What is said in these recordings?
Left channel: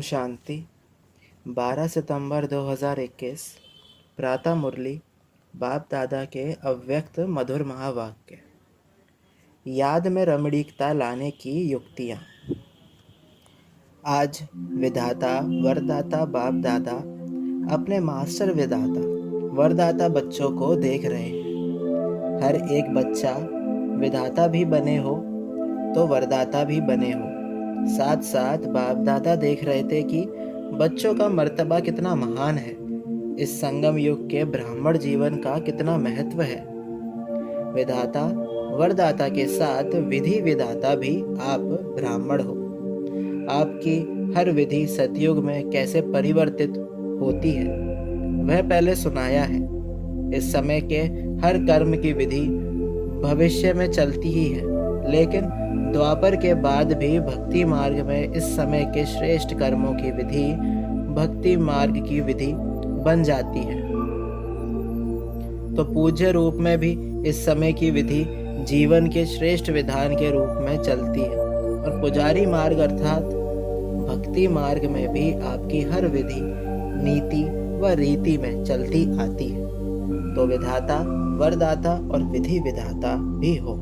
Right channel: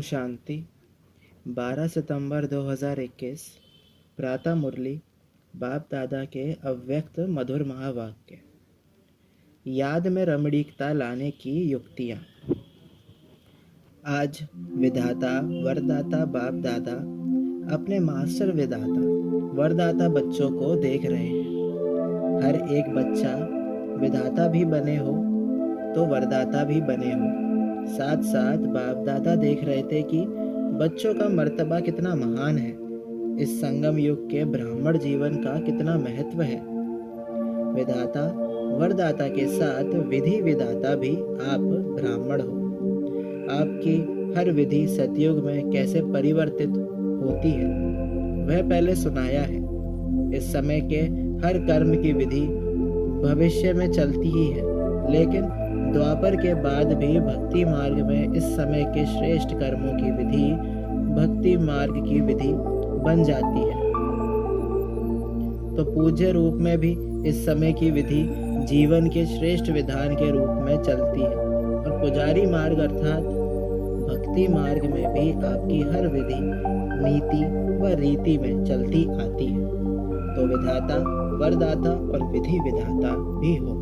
ओम शांति। 12 सितंबर 2021 प्रातः मुरली बाप दादा के अव्यक्त मधुर महावाक्य। याद में रमणीकता लाने की युक्तियाँ। आज विधाता वरदाता बाप दादा अपने मास्टर विधाता वरदाता बच्चों को देख रहे हैं। हर एक बच्चा विधाता भी बने हो तो वरदाता भी बने हो। साथ साथ बाप दादा देख रहे थे कि बच्चों का मर्तबा कितना महान है, इस संगम युग के ब्राह्मण जीवन का कितना महत्व है। विधाता वरदाता के साथ विधि विधाता भी आप ब्राह्मण हो। आपकी हर विधि सतयुग में कैसे परिवर्तित होती है वह पहले सुनाया है। इस समय के हर कर्म की विधि भविष्य में चलती ही है, लेकिन द्वापर के बाद भी भक्ति मार्ग में इस समय के श्रेष्ठ कर्मों की विधि भक्ति मार्ग की विधि बन जाती है। तो पूज्य रूप में भी इस समय की विधि जीवन के श्रेष्ठ विधान के रूप में चलती है, और पुजारी मार्ग अर्थात भक्ति मार्ग में भी आपकी हर विधि नीति व रीति में चलती आती है। तो विधाता वरदाता और विधि विधाता भी हो।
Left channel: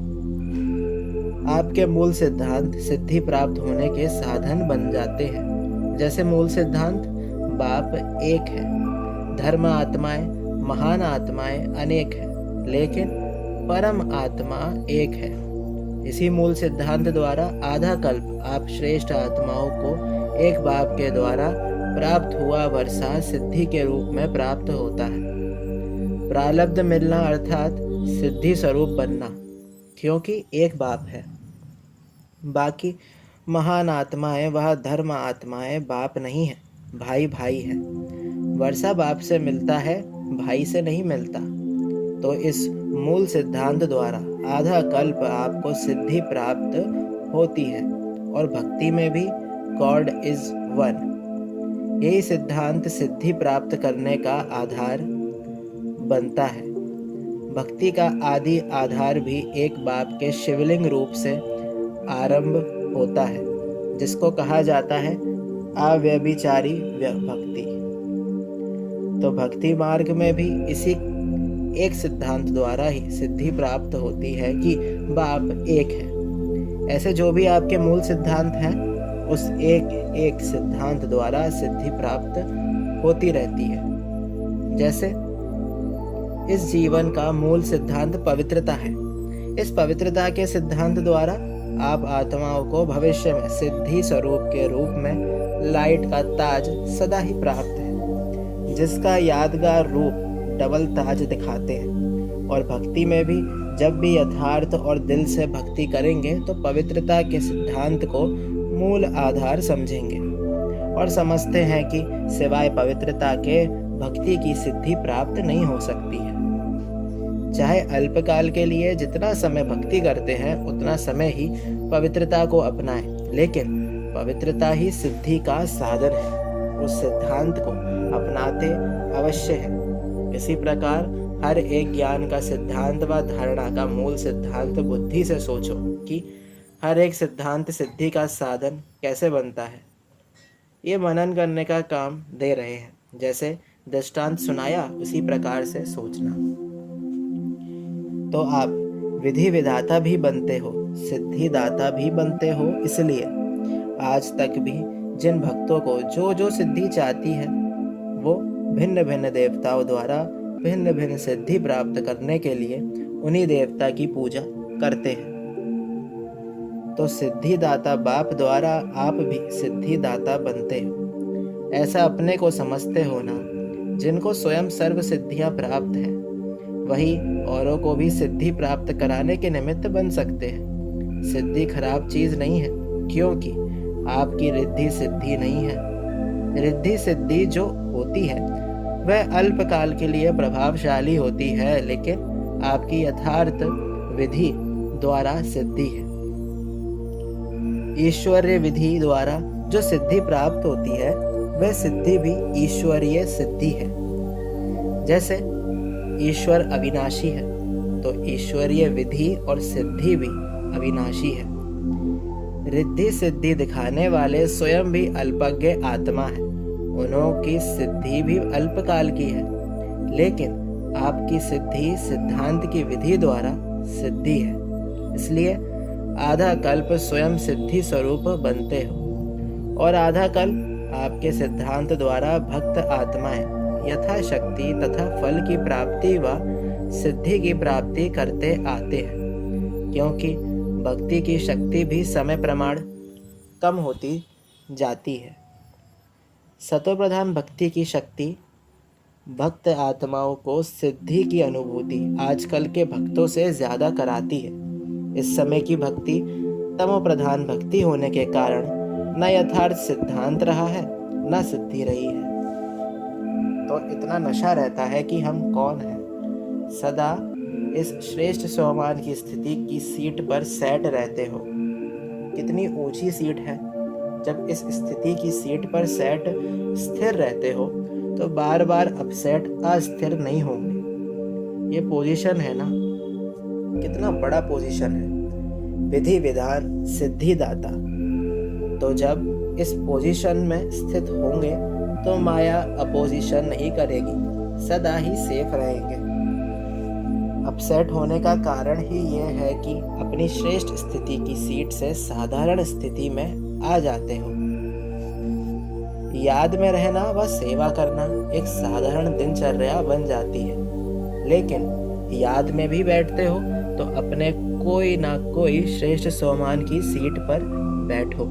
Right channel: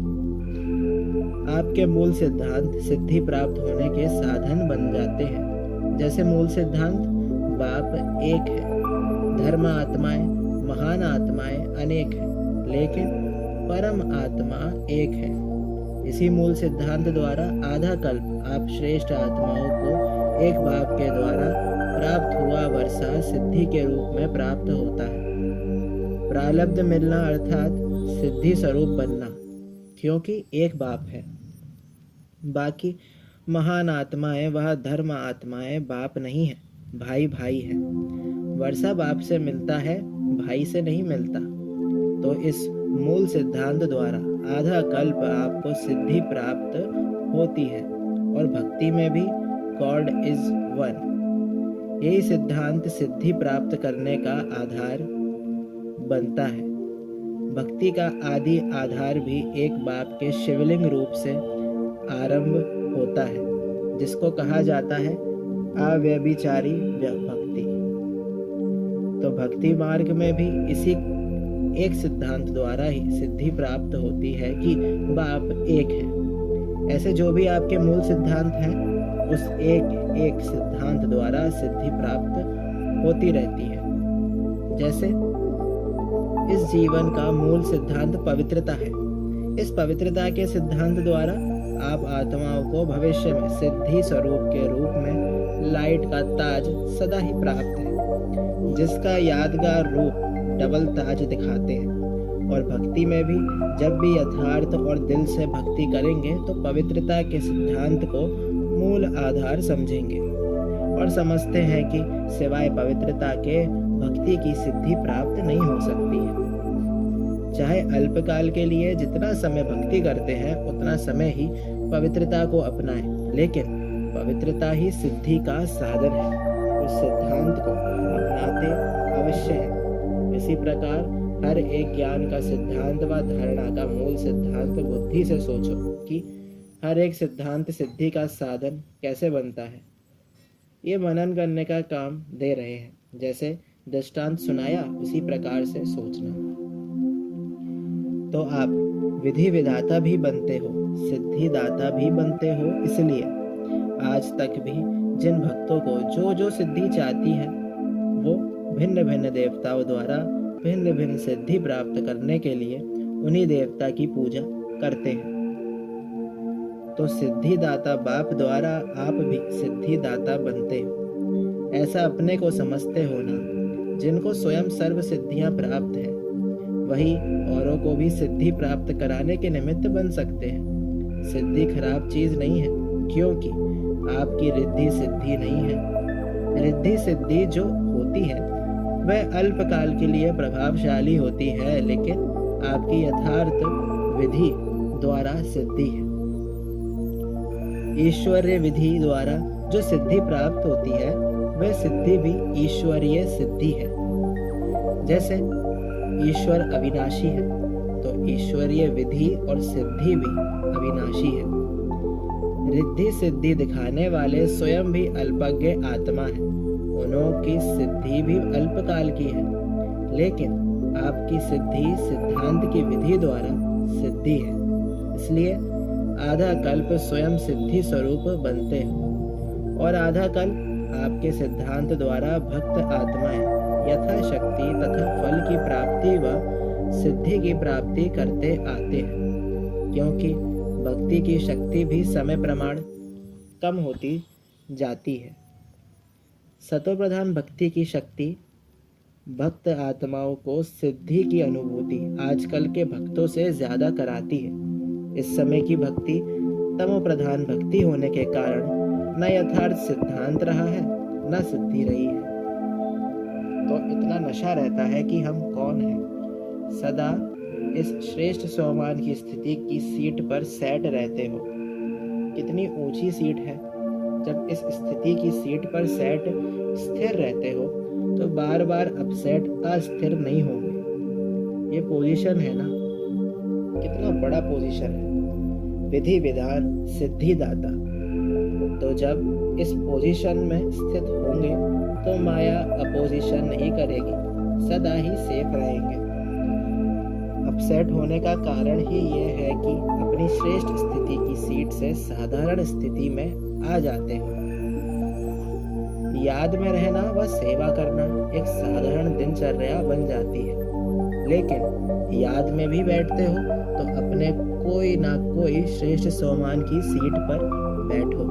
आपके मूल सिद्धांत सिद्धि प्राप्त होने के साधन बन जाते हैं। जैसे मूल सिद्धांत बाप एक है, धर्म आत्माएं महान आत्माएं अनेक है, लेकिन परम आत्मा एक है। इसी मूल सिद्धांत द्वारा आधा कल्प आप श्रेष्ठ आत्माओं को एक बाप के द्वारा प्राप्त हुआ वर्षा सिद्धि के रूप में प्राप्त होता है। प्रारब्ध मिलना अर्थात सिद्धि स्वरूप बनना, क्योंकि एक बाप है। बाकी महान आत्माएं वह धर्म आत्माएं बाप नहीं है, भाई भाई है। वर्षा बाप से मिलता है, भाई से नहीं मिलता। तो इस मूल सिद्धांत द्वारा आधा कल्प आपको सिद्धि प्राप्त होती है, और भक्ति में भी गॉड इज वन। यही सिद्धांत सिद्धि प्राप्त करने का आधार बनता है। भक्ति का आदि आधार भी एक बाप के शिवलिंग रूप से आरंभ होता है, जिसको कहा जाता है अव्यभिचारी भक्ति। तो भक्ति मार्ग में भी इसी एक सिद्धांत द्वारा ही सिद्धि प्राप्त होती है कि बाप एक है। ऐसे जो भी आपके मूल सिद्धांत हैं, उस एक एक सिद्धांत द्वारा सिद्धि प्राप्त होती रहती है। जैसे इस जीवन का मूल सिद्धांत पवित्रता है। इस पवित्रता के सिद्धांत द्वारा आप आत्माओं को भविष्य में सिद्धि स्वरूप के रूप में लाइट का ताज सदा ही प्राप्त है, जिसका यादगार रूप डबल ताज दिखाते हैं। और भक्ति में भी जब भी यथार्थ और दिल से भक्ति करेंगे तो पवित्रता के सिद्धांत को मूल आधार समझेंगे, और समझते हैं कि सिवाय पवित्रता के भक्ति की सिद्धि प्राप्त नहीं हो सकती है। चाहे अल्पकाल के लिए जितना समय भक्ति करते हैं उतना समय ही पवित्रता को अपनाएं, लेकिन पवित्रता ही सिद्धि का साधन है। उस सिद्धांत को अपनाते अवश्य है। इसी प्रकार हर एक ज्ञान का सिद्धांत व धारणा का मूल सिद्धांत बुद्धि से सोचो कि हर एक सिद्धांत सिद्धि का साधन कैसे बनता है। ये मनन करने का काम दे रहे हैं। जैसे दृष्टांत सुनाया उसी प्रकार से सोचना। तो आप विधि विधाता भी बनते हो, सिद्धि दाता भी बनते हो। इसलिए आज तक भी जिन भक्तों को जो जो सिद्धि चाहती है, वो भिन्न भिन्न देवताओं द्वारा भिन्न भिन्न सिद्धि प्राप्त करने के लिए उन्हीं देवता की पूजा करते हैं। तो सिद्धि दाता बाप द्वारा आप भी सिद्धि दाता बनते हो। ऐसा अपने को समझते हो ना। जिनको स्वयं सर्व सिद्धियां प्राप्त है, वही औरों को भी सिद्धि प्राप्त कराने के निमित्त बन सकते हैं। सिद्धि खराब चीज नहीं है, क्योंकि आपकी रिद्धि सिद्धि नहीं है। रिद्धि सिद्धि जो होती है वह अल्पकाल के लिए प्रभावशाली होती है, लेकिन आपकी यथार्थ विधि द्वारा सिद्धि है। ईश्वरीय विधि द्वारा जो सिद्धि प्राप्त होती है वह सिद्धि भी ईश्वरीय सिद्धि है। जैसे ईश्वर अविनाशी है, तो ईश्वरीय विधि और सिद्धि भी अविनाशी है। रिद्धि सिद्धि दिखाने वाले स्वयं भी अल्पज्ञ आत्मा है। उनकी सिद्धि भी अल्पकाल की है, लेकिन आपकी सिद्धि सिद्धांत की विधि द्वारा सिद्धि है। इसलिए आधा कल्प स्वयं सिद्धि स्वरूप बनते हो और आधा कल्प आपके सिद्धांत द्वारा भक्त आत्माएं यथाशक्ति तथा फल की प्राप्ति व सिद्धि की प्राप्ति करते आते हैं, क्योंकि भक्ति की शक्ति भी समय प्रमाण कम होती जाती है। सतो प्रधान भक्ति की शक्ति भक्त आत्माओं को सिद्धि की अनुभूति आजकल के भक्तों से ज्यादा कराती है। इस समय की भक्ति तमो प्रधान भक्ति होने के कारण न यथार्थ सिद्धांत रहा है न सिद्धि रही है। तो इतना नशा रहता है कि हम कौन हैं। सदा इस श्रेष्ठ सोमान की स्थिति की सीट पर सेट रहते हो। कितनी ऊंची सीट है। जब इस स्थिति की सीट पर सेट स्थिर रहते हो तो बार बार अपसेट अस्थिर नहीं होंगे। ये पोजीशन है ना, कितना बड़ा पोजीशन है। विधि विधान सिद्धि दाता। तो जब इस पोजीशन में स्थित होंगे तो माया अपोजिशन नहीं करेगी, सदा ही सेफ रहेंगे। अपसेट होने का कारण ही यह है कि अपनी श्रेष्ठ स्थिति की सीट से साधारण स्थिति में आ जाते हो। याद में रहना व सेवा करना एक साधारण दिनचर्या बन जाती है, लेकिन याद में भी बैठते हो तो अपने कोई ना कोई श्रेष्ठ सोमान की सीट पर बैठो।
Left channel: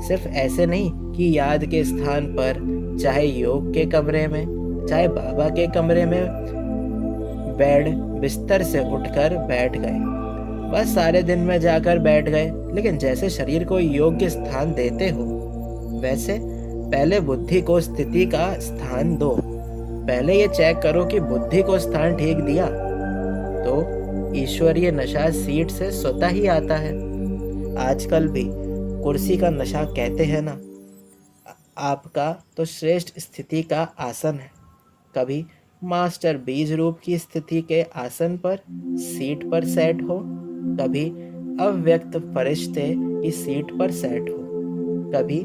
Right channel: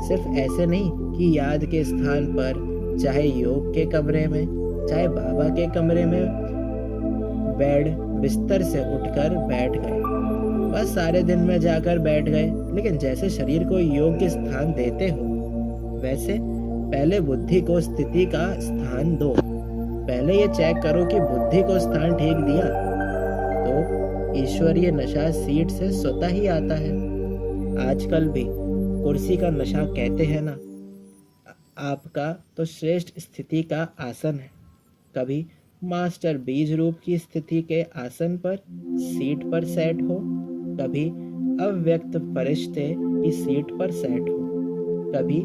सिर्फ ऐसे नहीं कि याद के स्थान पर चाहे योग के कमरे में चाहे बाबा के कमरे में बेड बिस्तर से उठकर बैठ गए, बस सारे दिन में जाकर बैठ गए। लेकिन जैसे शरीर को योग्य स्थान देते हो, वैसे पहले बुद्धि को स्थिति का स्थान दो। पहले ये चेक करो कि बुद्धि को स्थान ठीक दिया तो ईश्वरीय नशा सीट से स्वतः ही आता है। आजकल भी कुर्सी का नशा कहते हैं ना। आपका तो श्रेष्ठ स्थिति का आसन है। कभी मास्टर बीज रूप की स्थिति के आसन पर सीट पर सेट हो, कभी अव्यक्त फरिश्ते की सीट पर सेट हो, कभी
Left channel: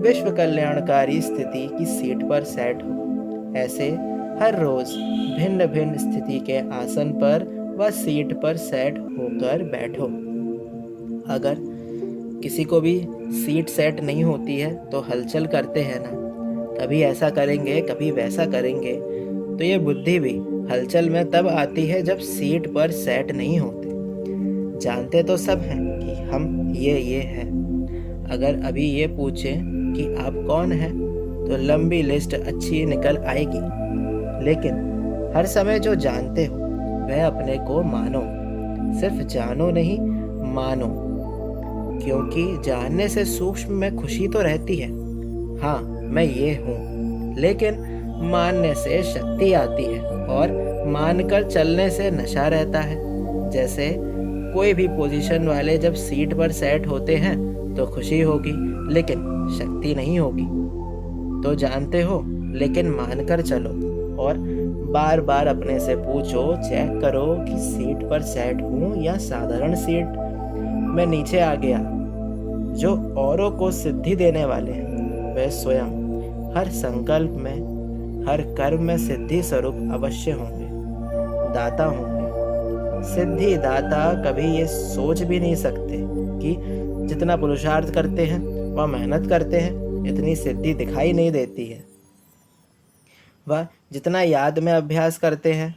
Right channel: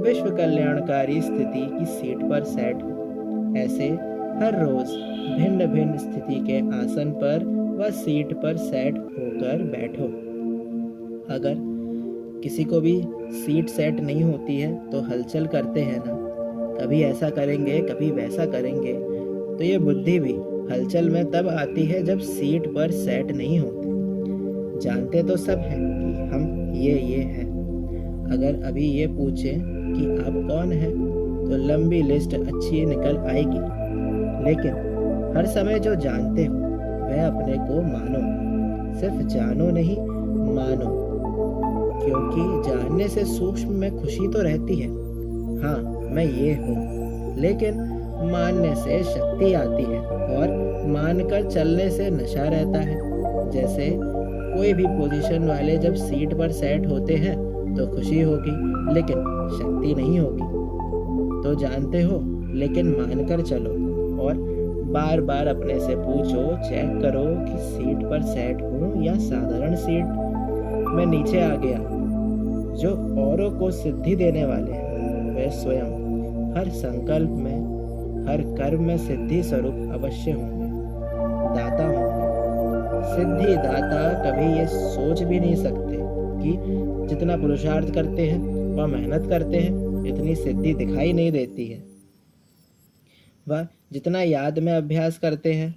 विश्व कल्याणकारी स्थिति की सीट पर सेट हो। ऐसे हर रोज भिन्न भिन्न स्थिति के आसन पर व सीट पर सेट होकर बैठो। अगर किसी को भी सीट सेट नहीं होती है तो हलचल करते हैं ना, कभी ऐसा करेंगे कभी वैसा करेंगे, तो ये बुद्धि भी हलचल में तब आती है जब सीट पर सेट नहीं होते। जानते तो सब हैं कि हम ये हैं। अगर अभी ये पूछें कि आप कौन हैं तो लंबी लिस्ट अच्छी निकल आएगी, लेकिन हर समय जो जानते हो वह अपने को मानो। सिर्फ जानो नहीं, मानो, क्योंकि जानने से सूक्ष्म में खुशी तो रहती है, हाँ मैं ये हूँ, लेकिन मानने से शक्ति आती है और मानकर चलने से नशा रहता है। जैसे कोई भी पोजीशन वाले जब सीट पर सेट होते हैं तो खुशी होगी, लेकिन शक्ति नहीं होगी। तो जानते हो लेकिन मानकर चलो और बार बार अपने से पूछो, चेक करो कि सीट पर सेट हूँ या साधारण सीट में नीचे आ गया। जो औरों को सिद्धि देने वाले हैं वे स्वयं हर संकल्प में हर कर्म में सिद्धि स्वरूप अवश्य होंगे, दाता होंगे। सिद्धि दाता कभी ये सोच भी नहीं सकते कि जितना पुरुषार्थ करते हैं वह मेहनत करते हैं, इतनी सिद्धि दिखाई नहीं देती है। वह जितना याद में अभ्यास करते हैं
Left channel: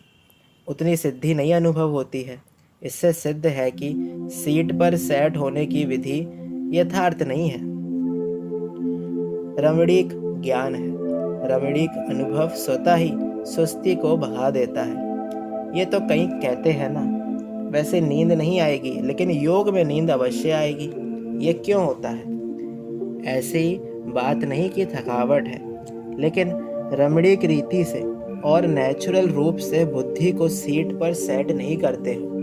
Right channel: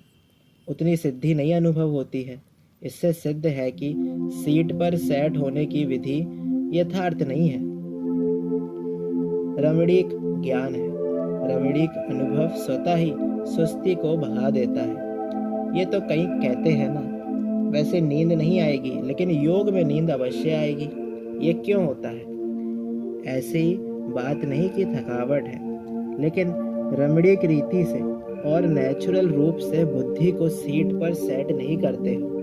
उतनी सिद्धि नहीं अनुभव होती है। इससे सिद्ध है कि सीट पर सेट होने की विधि यथार्थ नहीं है, रमणीक ज्ञान है। रमणीक अनुभव स्वतः ही सुस्ती को भगा देता है। ये तो कई कहते हैं ना, वैसे नींद नहीं आएगी लेकिन योग में नींद अवश्य आएगी। ये क्यों होता है? ऐसी बात नहीं कि थकावट है, लेकिन रमणीक रीति से और नेचुरल रूप से बुद्धि को सीट पर सेट नहीं करते हो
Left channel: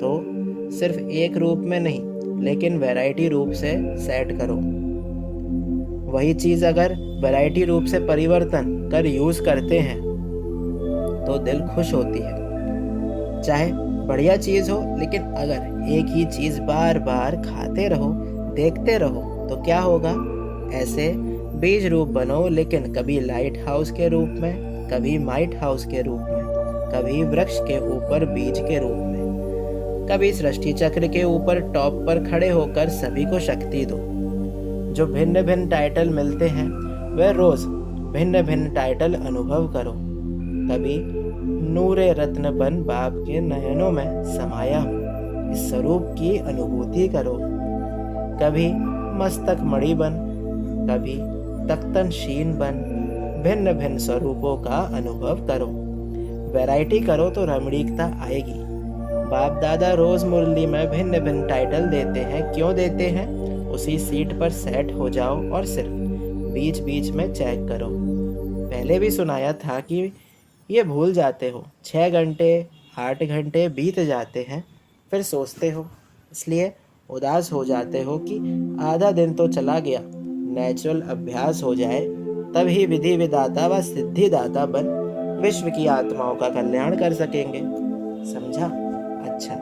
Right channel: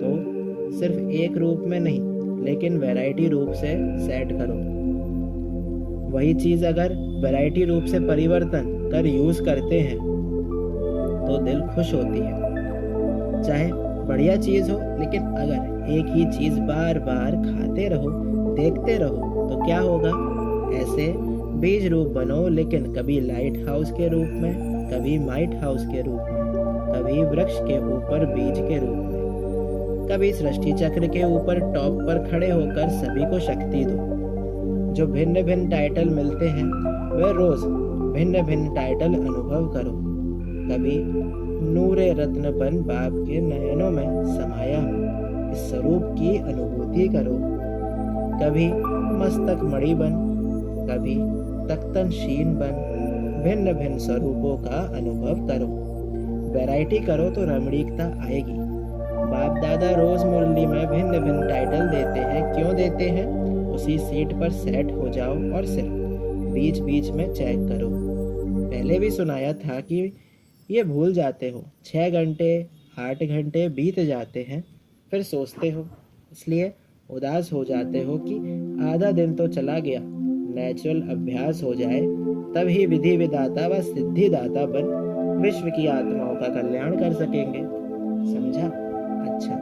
तो सिर्फ एक रूप में नहीं लेकिन वैरायटी रूप से सेट करो। वही चीज़ अगर वैरायटी रूप से परिवर्तन कर यूज़ करते हैं तो दिल खुश होती है। चाहे बढ़िया चीज़ हो, लेकिन अगर एक ही चीज़ बार बार खाते रहो, देखते रहो तो क्या होगा। ऐसे बीज रूप बनो, लेकिन कभी लाइट हाउस के रूप में, कभी माइट हाउस के रूप में, कभी वृक्ष के ऊपर बीज के रूप में, कभी सृष्टि चक्र के ऊपर टॉप पर खड़े होकर सभी को शक्ति दो। जो भिन्न भिन्न टाइटल मिलते हैं वह रोज भिन्न भिन्न टाइटल अनुभव करो। कभी नूरे रत्न बन बाप के नयनों में समाया हो, इस स्वरूप की अनुभूति करो। कभी मस्तक मणि बन, कभी तख्तन शीन बन, भिन्न भिन्न स्वरूपों का अनुभव करो। वैरायटी करो तो रमणीकता आएगी। बाप दादा रोज मुरली में भिन्न भिन्न टाइटल देते हैं। क्यों देते हैं? उसी सीट पर सेट हो जाओ और सिर्फ बीच बीच में चेक करो। पहले भी सुनाया था कि ये भूल जाते हो। 6 घंटे 8 घंटे बीत जाते हैं, फिर सोचते हो, इसलिए उदास हो जाते हो कि आधा दिन तो चला गया। नेचुरल अभ्यास हो जाए तभी विधि विदाता व सिद्धिदाता बन विश्व की आत्माओं का कल्याण कर सकेंगे। समझा? अच्छा,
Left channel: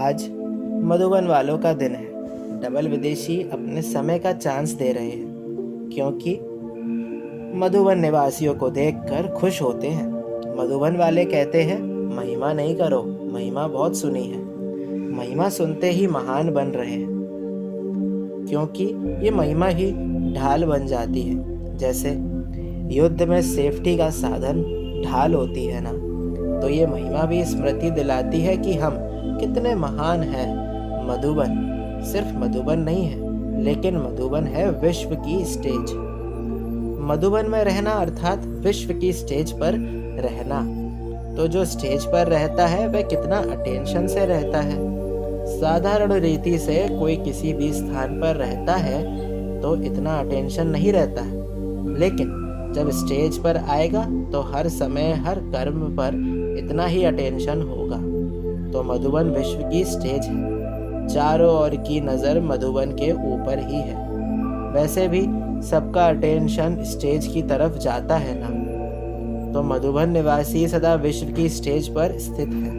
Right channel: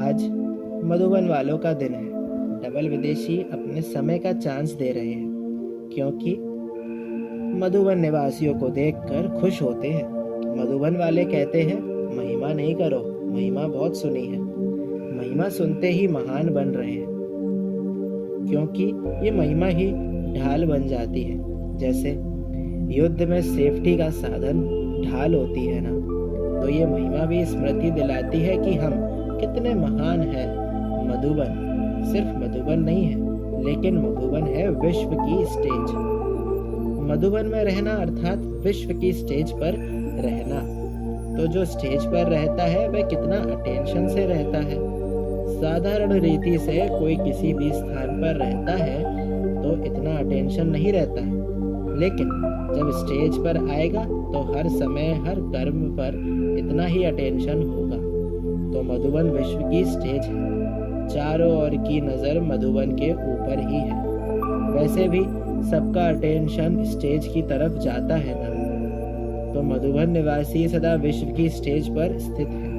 आज मधुबन वालों का दिन है। डबल विदेशी अपने समय का चांस दे रहे हैं, क्योंकि मधुबन निवासियों को देखकर खुश होते हैं। मधुबन वाले कहते हैं, महिमा नहीं करो, महिमा बहुत सुनी है। महिमा सुनते ही महान बन रहे हैं, क्योंकि ये महिमा ही ढाल बन जाती है। जैसे युद्ध में सेफ्टी का साधन ढाल होती है ना, तो ये महिमा भी स्मृति दिलाती है कि हम कितने महान हैं। मधुबन सिर्फ मधुबन नहीं है, लेकिन मधुबन है विश्व की स्टेज। मधुबन में रहना अर्थात विश्व की स्टेज पर रहना। तो जो स्टेज पर रहता है वह कितना अटेंशन से रहता है। साधारण रीति से कोई किसी भी स्थान पर रहता है तो इतना अटेंशन नहीं रहता है, लेकिन जब स्टेज पर आएगा तो हर समय हर कर्म पर इतना ही अटेंशन होगा। तो मधुबन विश्व की स्टेज है। चारों ओर की नज़र मधुबन के ऊपर ही है। वैसे भी सबका अटेंशन स्टेज की तरफ जाता है ना, तो मधुबन निवासी सदा विश्व की स्टेज पर स्थित है।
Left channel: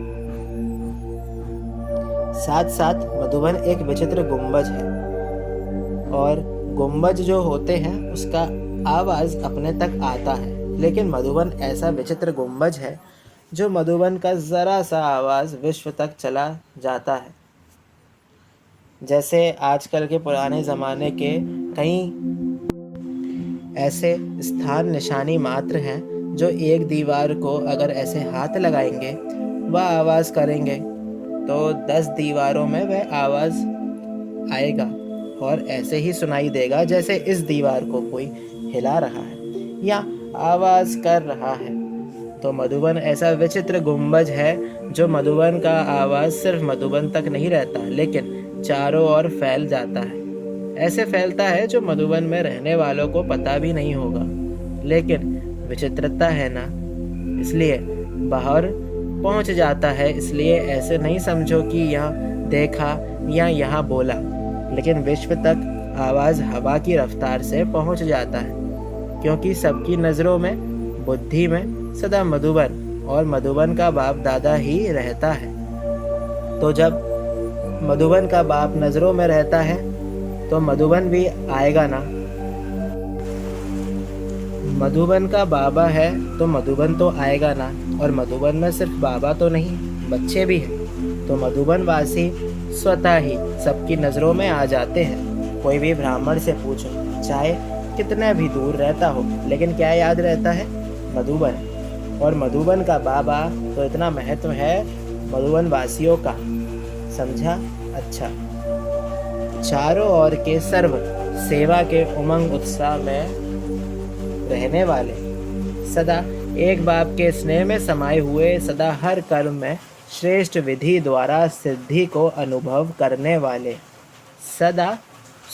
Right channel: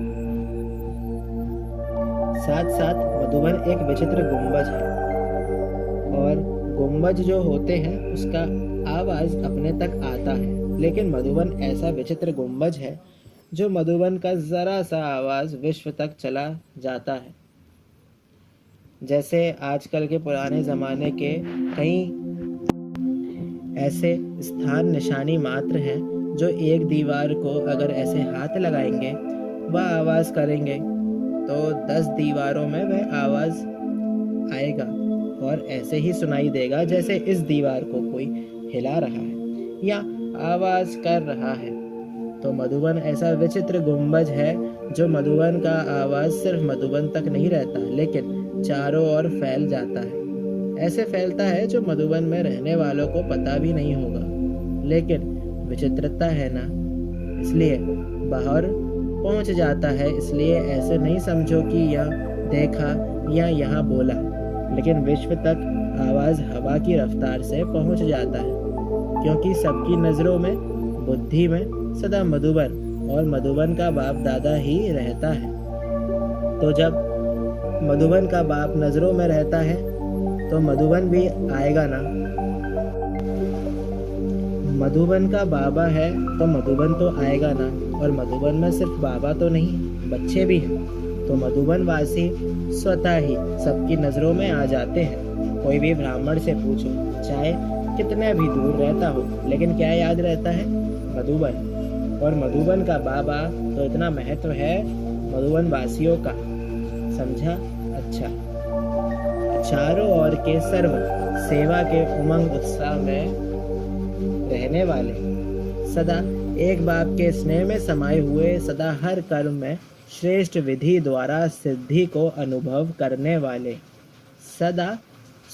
साथ साथ मधुबन एक विचित्र गुंबज है, और गुंबज जो होते हैं उसका आवाज अपने तक आता है, लेकिन मधुबन ऐसा विचित्र गुंबज है जो मधुबन का जरा सा आवाज विश्व तक चला जाता है। जैसे आजकल के पुराने ज़माने के कई ऐसे स्थान निशानी मात्र हैं जो एक दीवार को अगर ऐसे हाथ लगाएंगे वह आवाज़ करेंगे तो 10 दीवारों में वह आवाज़ आएगा और ऐसे ही सुनाई देगा जैसे इस दीवार को कोई हिला रहा है या आवाज़ कर रहा है। तो मधुबन ऐसा विचित्र गुंबज है जो मधुबन का आवाज़ सिर्फ मधुबन तक नहीं रहता, लेकिन चारों ओर फैल जाता है। ऐसे फैलता है जो मधुबन में रहने वालों को पता भी नहीं होगा, लेकिन विचित्रता है ना, इसलिए बाहर पहुंच जाता है। इसलिए ऐसे नहीं समझो कि यहाँ देखा या यहाँ बोला, लेकिन विश्व तक आवाज़ हवा की रफ्तार से पहुंच जाता है, क्योंकि सबकी नज़रों में, बुद्धि में सदा मधुबन और मधुबन का बाप दादा ही रहता है। तो जब मधुबन का बाप नज़रों में रहता है तो मधुबन भी आएगा ना। मधुबन का बाबा है तो मधुबन तो आएगा ना, और मधुबन में सिर्फ बाबा तो नहीं, बच्चे भी हैं। तो मधुबन वासी स्वतः ही सबकी नज़रों में आ जाते हैं। कोई भी ब्राह्मण से पूछो, चाहे कितना भी दूर रहता हो, लेकिन क्या याद रहता है? मधुबन। और मधुबन का बाबा तो इतना महत्व है मधुबन वासियों का। समझा? अच्छा, चारों ओर के सर्व सेवा के उमंग उत्साह में रहने वाले, सदा एक बाप के स्नेह में समाये हुए, सदा हर कर्म में श्रेष्ठ विधि द्वारा सिद्धि को अनुभव करने वाले, सदा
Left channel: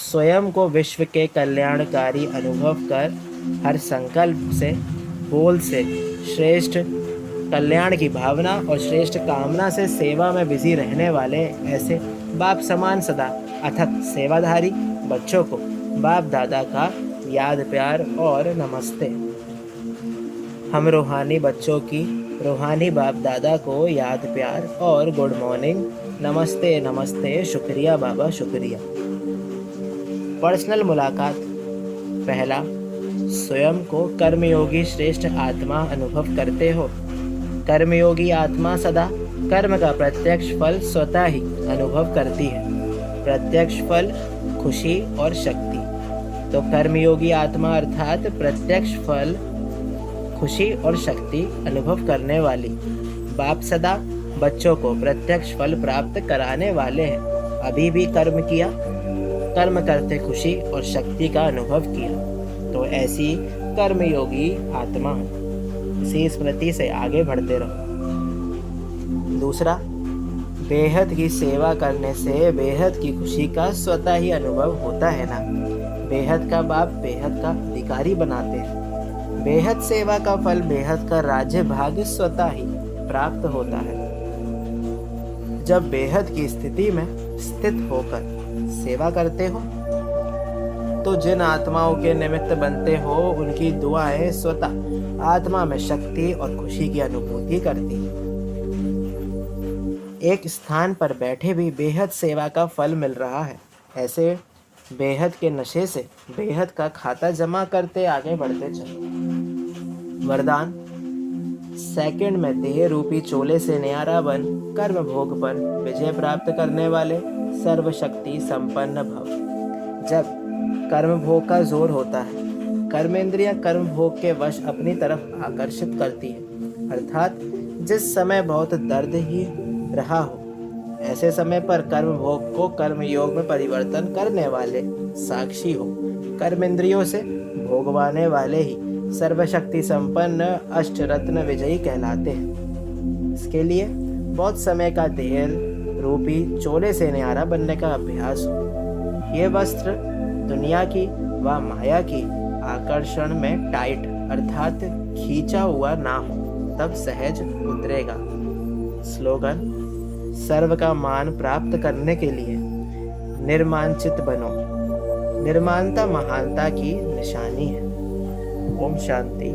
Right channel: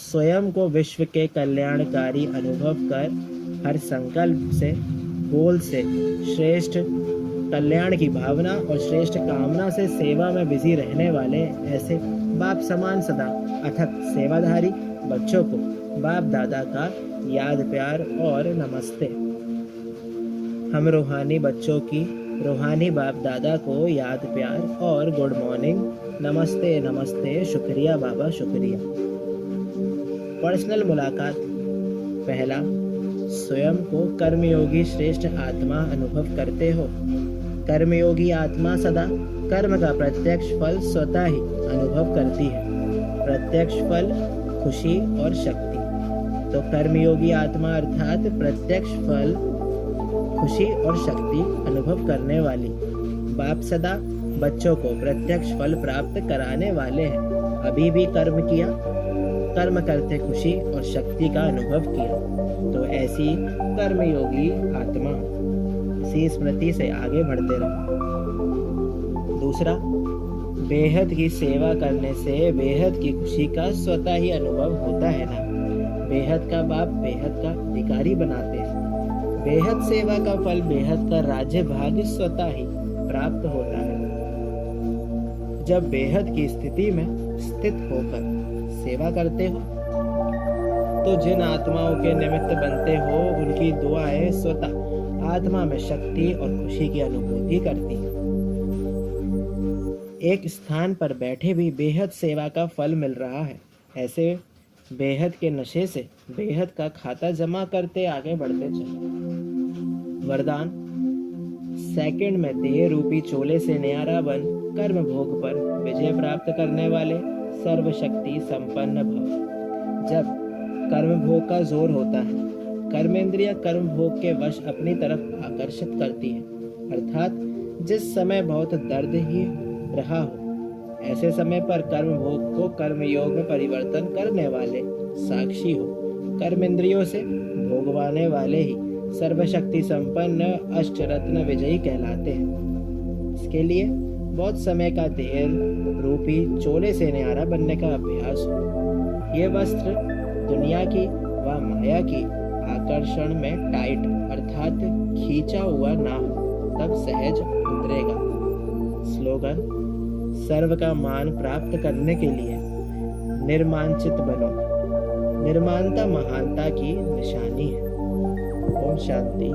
स्वयं को विश्व के कल्याणकारी अनुभव कर हर संकल्प से, बोल से श्रेष्ठ कल्याण की भावना और श्रेष्ठ कामना से सेवा में बिजी रहने वाले ऐसे बाप समान सदा अथक सेवाधारी बच्चों को बाप दादा का याद प्यार और नमस्ते। हम रूहानी बच्चों की रूहानी बाप दादा को याद प्यार और गुड मॉर्निंग, नमस्ते नमस्ते, शुक्रिया बाबा शुक्रिया। पर्सनल मुलाकात। पहला, स्वयं को कर्मयोगी श्रेष्ठ आत्मा अनुभव करते हो। कर्मयोगी आत्मा सदा कर्म का प्रत्यक्ष फल स्वतः ही अनुभव करती है। प्रत्यक्ष फल खुशी और शक्ति। तो कर्मयोगी आत्मा अर्थात प्रत्यक्ष फल खुशी और शक्ति अनुभव करने वाली। बाप सदा बच्चों को प्रत्यक्ष फल प्राप्त कराने वाले हैं। अभी भी कर्म किया, कर्म करते खुशी और शक्ति का अनुभव किया। तो ऐसी कर्मयोगी आत्मा इसी स्मृति से आगे बढ़ते रहो। दूसरा, बेहद की सेवा करने से बेहद की खुशी का स्वतः ही अनुभव होता है ना। बेहद का बाप बेहद का अधिकारी बनाते हैं। बेहद सेवा का फल बेहद का राज्य भाग्य स्वतः ही प्राप्त होता है। जब बेहद की स्थिति में स्थित होकर सेवा करते हो तो जिन आत्माओं के निमित्त बनते हो उनकी दुआएं स्वतः आत्मा में शक्ति और खुशी की अनुभूति करती है। एक स्थान पर बैठे भी बेहद सेवा का फल मिल रहा है। ऐसे बेहद के नशे से बेहद का खाता जमा करते आगे बढ़ते चलो। वरदान। सेकंड में देह रूपी चोले से न्यारा बन कर्म भोग पर विजय प्राप्त करने वाले सर्वशक्ति संपन्न भव। जब कर्म भोग का जोर होता है, कर्मेंद्रियां कर्म भोग के वश अपनी तरफ आकर्षित करती है। अर्थात जिस समय बहुत दर्द ही रहा हो, ऐसे समय पर कर्म भोग को कर्म योग में परिवर्तन करने वाले साक्षी हो। कर्मेंद्रियों से भोगवाने वाले ही सर्वशक्ति संपन्न अष्टरत्न विजयी कहलाते हैं। इसके लिए बहुत समय का देह रूपी चोले से न्यारा बनने का अभ्यास हो। ये वस्त्र दुनिया की व माया की आकर्षण में टाइट अर्थात खींचा हुआ ना हो, तब सहज उतरेगा। स्लोगन। सर्व का मान प्राप्त करने के लिए निर्मांचित बनो। निर्माणता महानता की निशानी है। ओम शांति।